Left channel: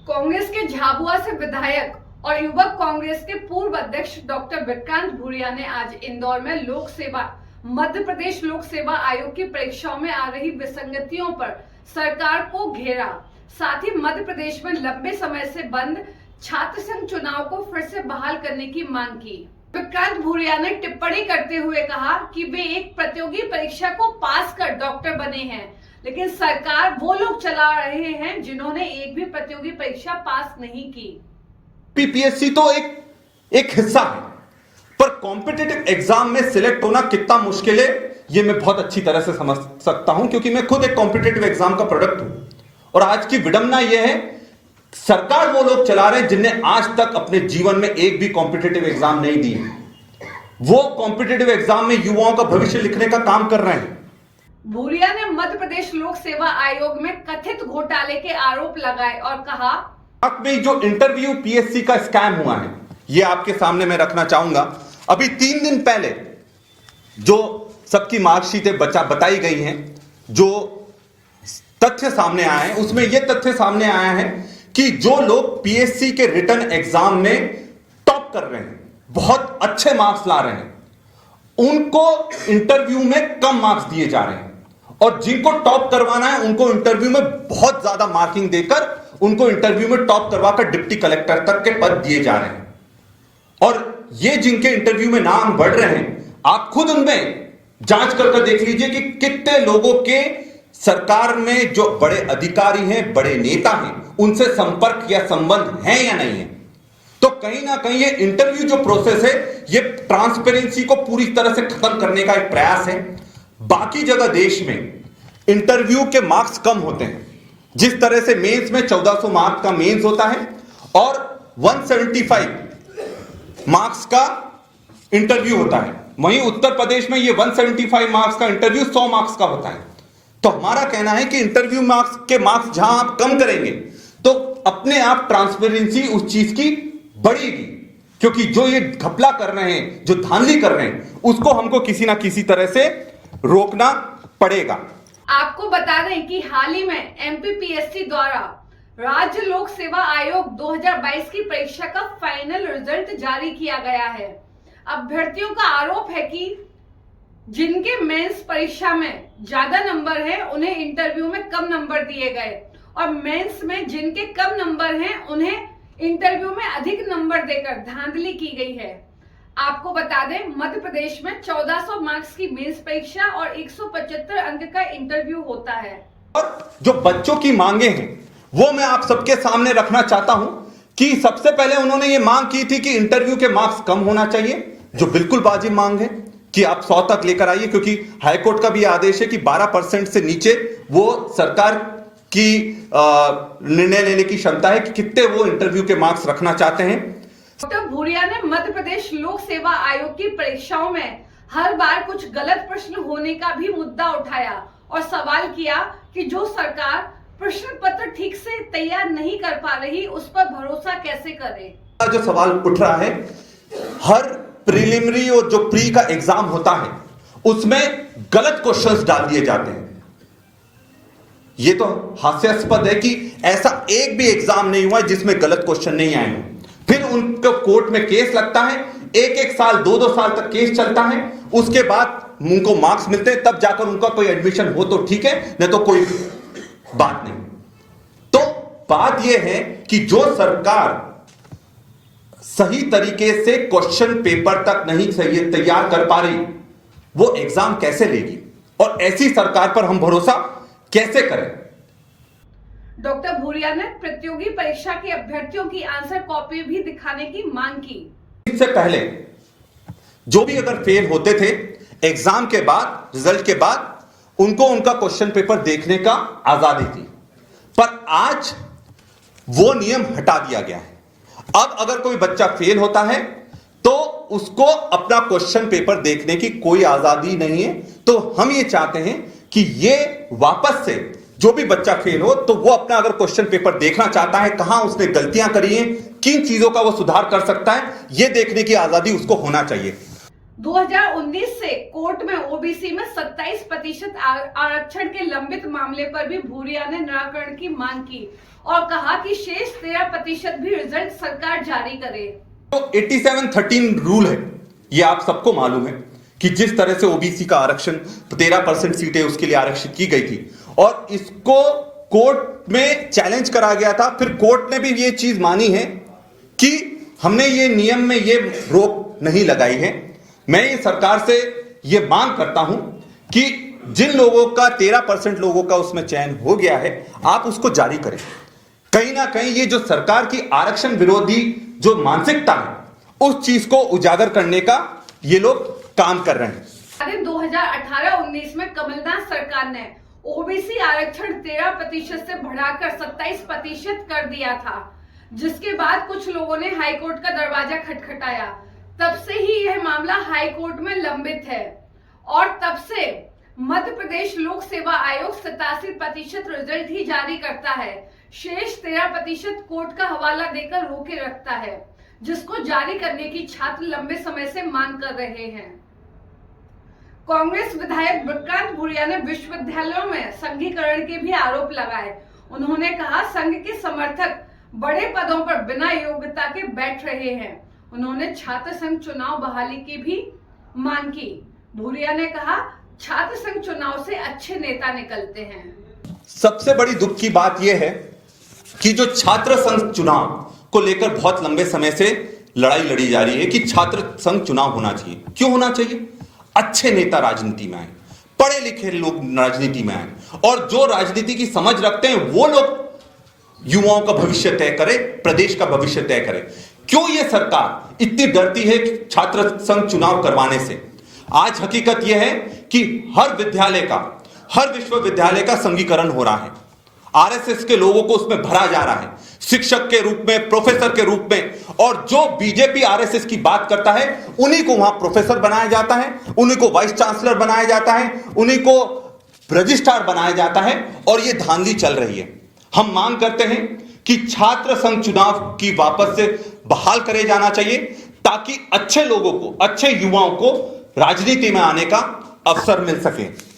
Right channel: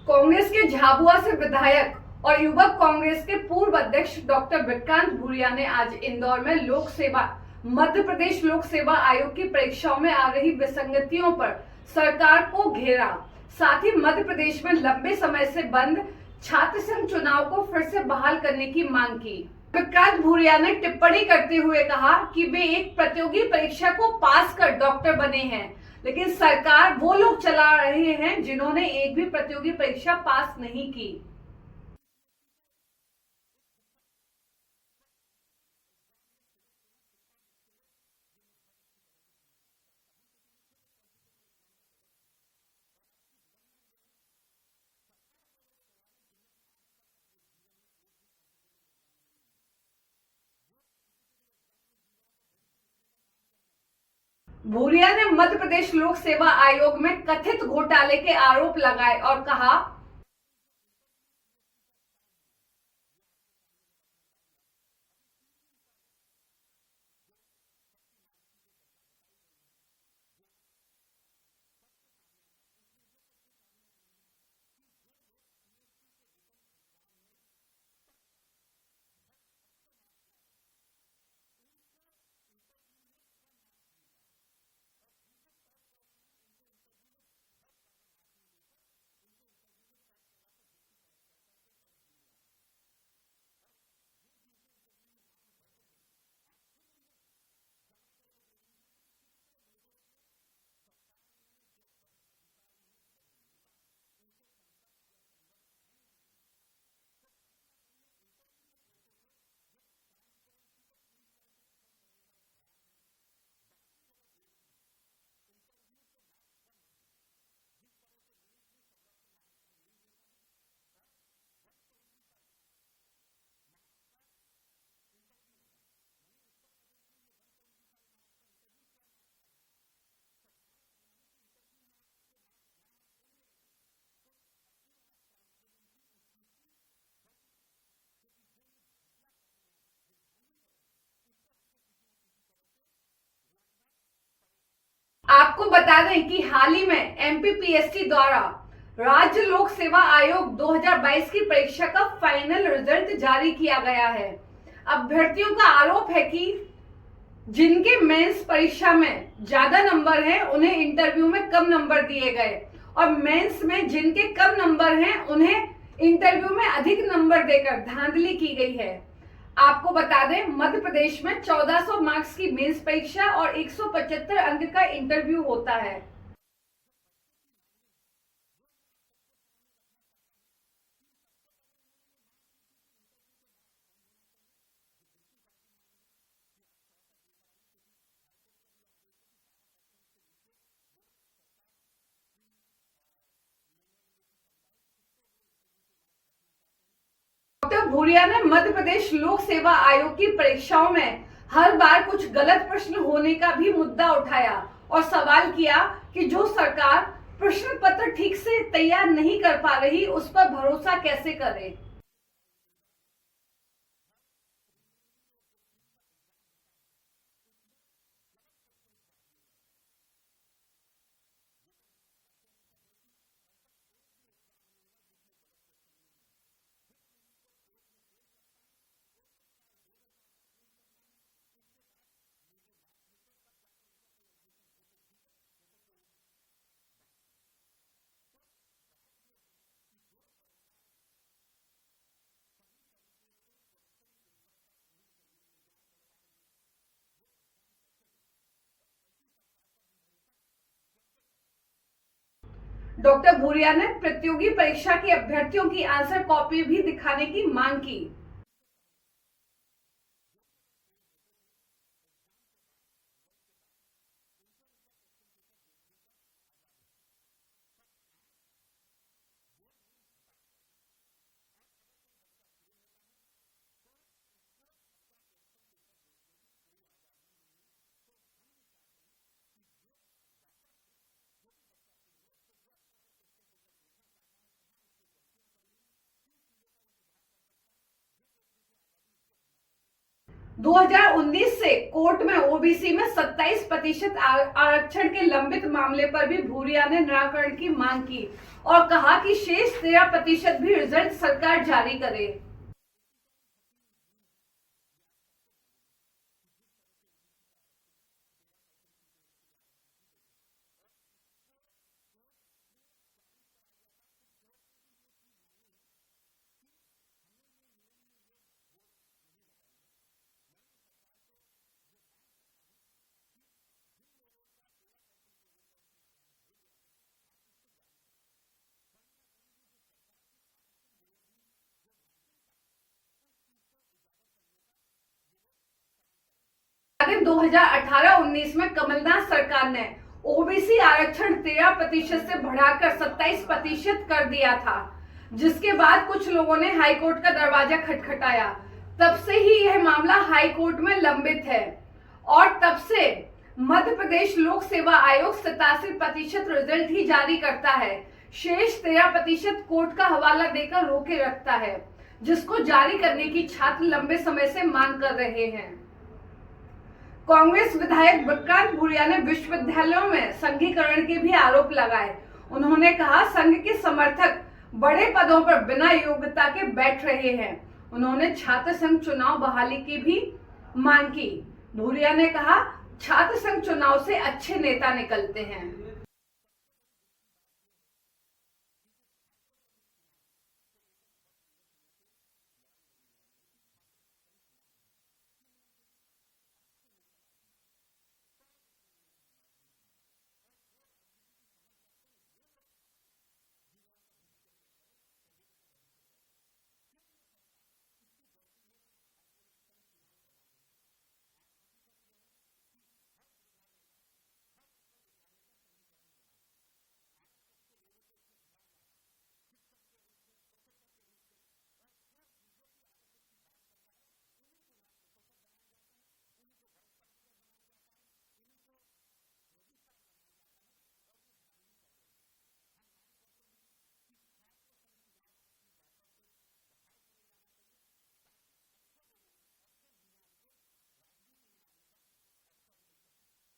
कांग्रेस के झाबुआ से विधायक और युवक कांग्रेस के पूर्व अध्यक्ष डॉक्टर विक्रांत भूरिया ने आज इंदौर में मध्य प्रदेश लोक सेवा आयोग की परीक्षाओं में आ रही विसंगतियों पर सरकार को घेरा। साथ ही मध्य प्रदेश में लंबे समय से बंद छात्र संघ चुनाव को फिर से बहाल करने की मांग की। विक्रांत भूरिया ने टिप्पणी करते हुए कहा कि वे एक प्रतियोगी परीक्षा को पास कर डॉक्टर बने हैं, लेकिन सरकार वो लोग चला रहे हैं जिन्होंने एक भी प्रतियोगी परीक्षा पास नहीं की। पीपीएससी तो एक हिस्सा है, पर कॉम्पिटिटिव एग्जाम में सिलेक्ट होना कितना मुश्किल है ये मैं बहुत अच्छी तरह से समझ सकता हूं, क्योंकि मैं खुद एक कॉम्पिटिटिव एग्जाम का प्रोडक्ट हूं। और आज की विडंबना यह है, सरकार वो लोग चला रहे हैं जिनने आज तक अपने जीवन में एक भी कॉम्पिटिटिव एग्जाम नहीं दी। वो कॉम्पिटिटिव एग्जाम में युवाओं का भविष्य लिखने का काम कर रहे हैं। भूरिया ने मध्य प्रदेश लोक सेवा आयोग में कथित घोटाले के आरोप लगाए और कहा, में जो इंटरव्यू पीएससी का स्कैम हुआ है ये आपके सामने मैं रखना चाहूंगा। अभी 3 दिन पहले जो सबकी मार्कशीटें बताई गई हैं, जो तथ्य सामने आए हैं, उसमें यह तथ्य सामने आया है कि जो लोग पीएससी के रिटन एग्जाम में टॉप कर रहे हैं, बहुत अच्छे मार्क्स ला रहे हैं, उनको इंटरव्यू में कम मार्क्स दिए जा रहे हैं, और जिनको टॉप करवाना है उनको इंटरव्यू में बहुत ज्यादा मार्किंग देकर उनको इंटरव्यू में टॉप करवाकर डिप्टी कलेक्टर तक के पद दिए जा रहे हैं। और ये जिनके इंटरव्यू में नाम बढ़ रहे हैं, आप खुद उनमें जांच करके देख लीजिए कि कितने लोगों के सरकार में जो बड़े अधिकारी हैं, बड़े नेता हैं, उनसे संपर्क या संबंध है या नहीं है। तो कहीं ना कहीं ये इंटरव्यू जो प्रोसेस है, ये ट्रांसपेरेंसी को पूरी तरह से खत्म करने का एक प्रयास है। बाकी जगह देश में इंटरव्यू के मार्क्स कम होते हैं, जिस तरह से मेंस में 1400 मार्क्स का मेंस होता है और 175 मार्क्स का इंटरव्यू होता है, वहीं उत्तर प्रदेश में ये 175 मार्क्स का इंटरव्यू 100 मार्क्स का होता है। तो हमारा कहना है कि इंटरव्यू मार्क्स जहां आप कम करेंगे तो अपने आप ट्रांसपेरेंसी उस चीज की बढ़ेगी, क्योंकि जो ये घपला कर रहे हैं, जो धांधली कर रहे हैं, उसको हमको किसी ना किसी तरह से रोकना पड़ेगा। आपको बता दें कि हाल ही में एमपीपीएससी द्वारा राज्य लोक सेवा आयोग 2022 की परीक्षा का फाइनल रिजल्ट जारी किया गया है। अभ्यर्थियों का आरोप है कि जिनके मेंस परीक्षा में ज्यादा नंबर हैं, उन्हें इंटरव्यू में कम नंबर दिए गए, और मेंस में जिनके कम नंबर हैं, उन्हें इंटरव्यू में अधिक नंबर देकर धांधली की गई है। आपको बता दें, मध्य प्रदेश में 1400 मार्क्स की मेंस परीक्षा और 175 अंक का इंटरव्यू होता है। और जो बच्चों की मांगे हैं वो मैं आप सबके सामने रखना चाहता हूं कि सबसे पहले उन्होंने ये मांग की थी कि इंटरव्यू के मार्क्स कम होना चाहिए, जो बिल्कुल वाजिब मांग है कि आप 100 तक लेकर आइए, क्योंकि हाईकोर्ट का भी आदेश है कि 12% से नीचे वो सरकार की निर्णय लेने की क्षमता है कि कितने वो इंटरव्यू के मार्क्स रखना चाहते हैं। डॉक्टर भूरिया ने मध्य प्रदेश लोक सेवा आयोग की परीक्षाओं में हर बार कुछ गलत प्रश्न होने का भी मुद्दा उठाया और सवाल किया कि जो सरकार प्रश्न पत्र ठीक से तैयार नहीं कर पा रही, उस पर भरोसा कैसे करे। जो सवाल उठ रहा है, हर प्रीलिमिनरी और जो प्री का एग्जाम होता है उसमें गलत क्वेश्चंस डाल दिए जाते हैं। ये तो हास्यास्पद है कि ऐसा एक भी एग्जाम नहीं हुआ जिसमें गलत क्वेश्चन नहीं आए हों। फिर उनको कोर्ट में केस लगता है, 1-1 साल 2-2 साल तक केस चलता है, उसके बाद उनको मार्क्स मिलते हैं, तब जाकर उनका कोई एडमिशन हो तो ठीक है, नहीं तो कोई बात नहीं। तो बात यह है कि जो सरकार सही तरीके से क्वेश्चन पेपर तक नहीं सही तैयार कर पा रही, वो एग्जाम कैसे लेगी, और ऐसी सरकार पर हम भरोसा कैसे करें। डॉक्टर भूरिया ने प्रतियोगी परीक्षा के अभ्यर्थियों की आंसर कॉपी भी दिखाने की मांग की। इससे पहले जो भी अगर फेल होते थे, एग्जाम के बाद, रिजल्ट के बाद उनको उनका क्वेश्चन पेपर देखने का आजादी थी, पर आज वो नियम हटा दिया गया है। अब अगर कोई बच्चा फेल होता है तो उसको अपना क्वेश्चन पेपर देखने की कोई आजादी नहीं है। तो हम ये चाहते हैं कि ये वापस से जो भी बच्चा फेल हो तो वो अपना अगर क्वेश्चन पेपर देखना चाहता है, कहां उसने गलतियां करी हैं, किन चीजों का वो सुधार कर सकता है, ये देखने की आजादी उसको होना चाहिए। 2019 से कोर्ट में ओबीसी में 27% आरक्षण के लंबित मामले पर भी भूरिया ने निराकरण की मांग की और कहा कि शेष 13% भी रिजल्ट सरकार जारी करे। तो 8713 रूल है, ये आप सबको मालूम है कि जिस तरह से ओबीसी का आरक्षण 13% सीटें उसके लिए आरक्षित की गई थी और इसको कोर्ट में चैलेंज करा गया था। फिर कोर्ट ने भी ये चीज मानी है कि हमने ये नियम में ये रोक नहीं लगाई है। मैं ये सरकार से ये मांग करता हूं कि जिन लोगों का 13% लोगों का उसमें चयन हो गया है, आप उसको जारी करें। कहीं ना कहीं ये जो सरकार की आरक्षण विरोधी जो मानसिकता है उस चीज को उजागर करने का ये लोग काम कर रहे हैं। 2018-19 में कमलनाथ सरकार ने ओबीसी आरक्षण 13% से बढ़ाकर 27% कर दिया था, जिसके बाद कुछ लोगों ने हाईकोर्ट का दरवाजा खटखटाया। तब से ही यह मामला हाईकोर्ट में लंबित है और तब से मध्य प्रदेश लोक सेवा आयोग 87% रिजल्ट ही जारी करता है। शेष 13% कोर्ट का हवाला देकर रोके रखता है, जिसको जारी करने की छात्र लंबे समय से मांग कर रहे हैं। कांग्रेस विधायक विक्रांत भूरिया ने विश्वविद्यालयों में संघीकरण के भी आरोप लगाए। उन्होंने कहा संघ के समर्थक बड़े पदों पर बिना योग्यता के बैठ रहे हैं। उन्होंने छात्र संघ चुनाव बहाली की भी मांग की। भूरिया ने कहा छात्र संघ चुनाव से अच्छे नेता निकलते हैं। सबसे बड़ी दुख की बात यह है कि जो छात्र संघ चुनाव को लेकर बहुत लंबे समय से लड़ाई लड़ी जा रही है कि छात्र संघ चुनाव होना चाहिए। क्यों होना चाहिए? अच्छे नेता राजनीति में आए, पढ़े लिखे लोग राजनीति में आए और जो राजनीति की समझ रखते हैं वो लोग युवाओं का भविष्य तय करे, प्रदेश का भविष्य तय करे। क्यों ये सरकार इतनी डरती है छात्र संघ चुनाव करवाने से? आज हकीकत यह है कि हर विद्यालय का, हर विश्वविद्यालय का संघीकरण हो रहा है। आरएसएस के लोगों को उसमें भरा जा रहा है, शिक्षक के रूप में, प्रोफेसर के रूप में, और जो बीजेपी आरएसएस की बात करता है उन्हीं को वहां प्रोफेसर बनाया जाता है, उन्हीं को वाइस चांसलर बनाया जाता है, उन्हीं को रजिस्ट्रार बनाया जाता है और ये धांधली चल रही है। हम मांग करते हैं कि छात्र संघ चुनाव की वापस से बहाल करे जाना चाहिए ताकि अच्छे लोगों को, अच्छे युवाओं को राजनीति में आने का अवसर मिल सके।